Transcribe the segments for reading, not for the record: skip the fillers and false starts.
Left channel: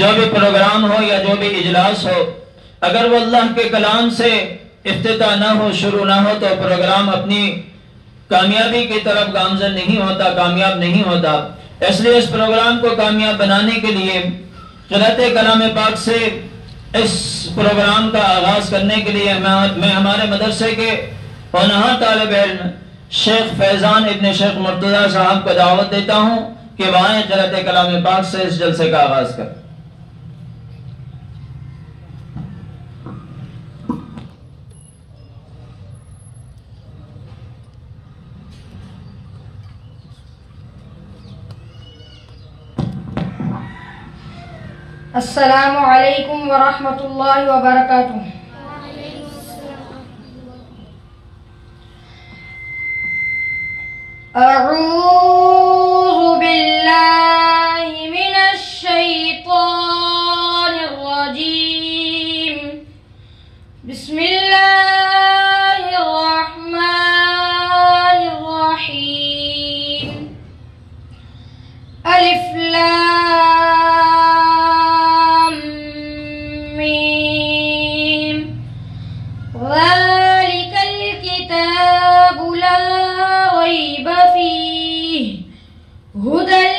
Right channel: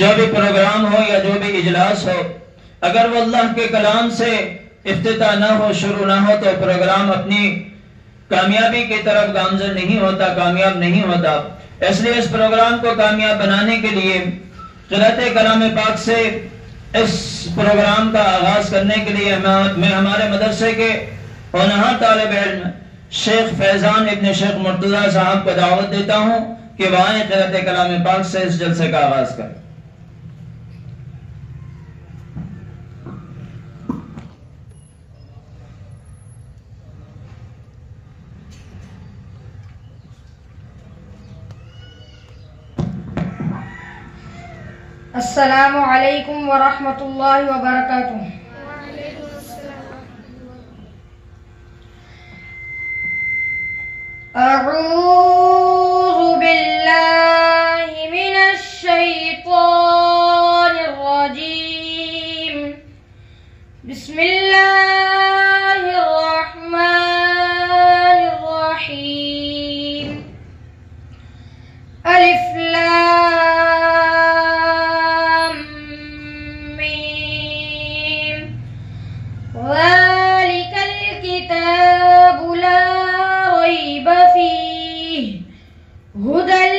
جو بھی پروگرام ہو یا جو بھی اجلاس ہو، اگر وہ اللہ کے کلام سے افتتاح نہ ہو، شروع نہ ہو، تو پروگرام اپنی کامیابی کی طرف گامزن نہیں ہوتا، کامیاب نہیں ہوتا۔ اس لیے اس پروگرام کو کامیاب بنانے کے لیے قرأت کلام پاک سے اس پروگرام کا آغاز کرنے کے لیے میں ہمارے مدرسے کے ہونہار طالب علم شیخ فیضان ابن شیخ مرتضی صاحب کو دعوت دیتا ہوں کہ وہ آئیں قرأت کلام پاک سے اس جلسے کا آغاز کریں۔ السلام علیکم ورحمۃ اللہ وبرکاتہ۔ اعوذ باللہ من الشیطان الرجیم، بسم اللہ الرحمن الرحیم۔ الف لام میم، ذالک الکتاب لا ریب فیہ ھدی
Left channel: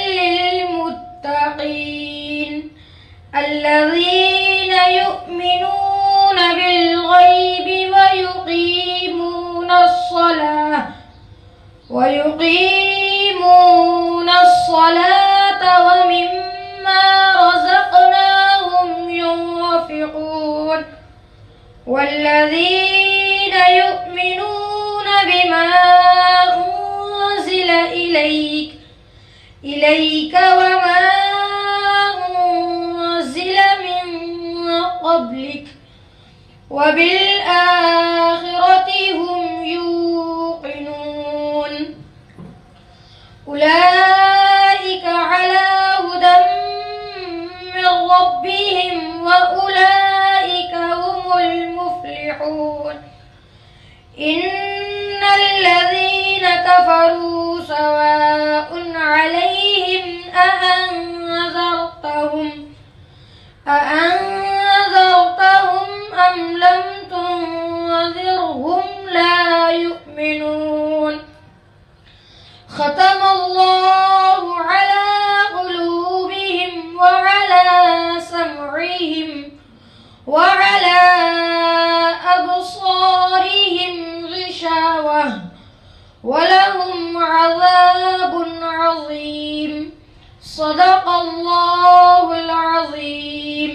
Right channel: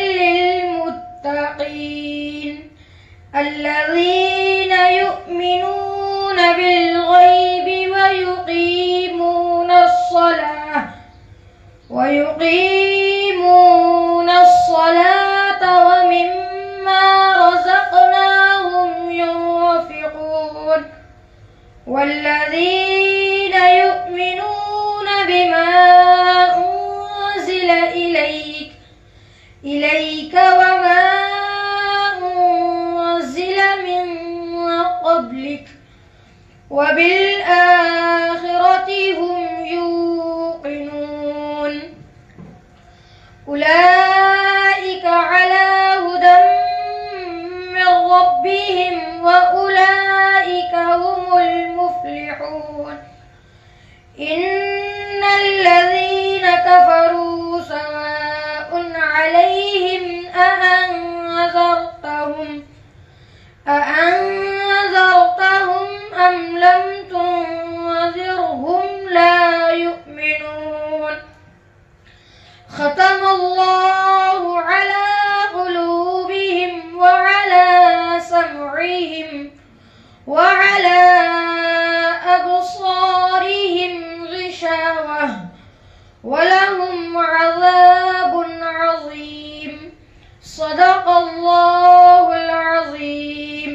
للمتقین الذین یؤمنون بالغیب ویقیمون الصلاة ومما رزقناهم ينفقون والذین یؤمنون بما انزل إليك وما أنزل من قبلك وبالآخرة هم يوقنون أولئك على هدى من ربهم وأولئك هم المفلحون إن الذين كفروا سواء عليهم أأنذرتهم أم لم تنذرهم لا يؤمنون ختم الله على قلوبهم وعلى سمعهم وعلى أبصارهم غشاوة ولهم عذاب عظيم صدق الله العظيم۔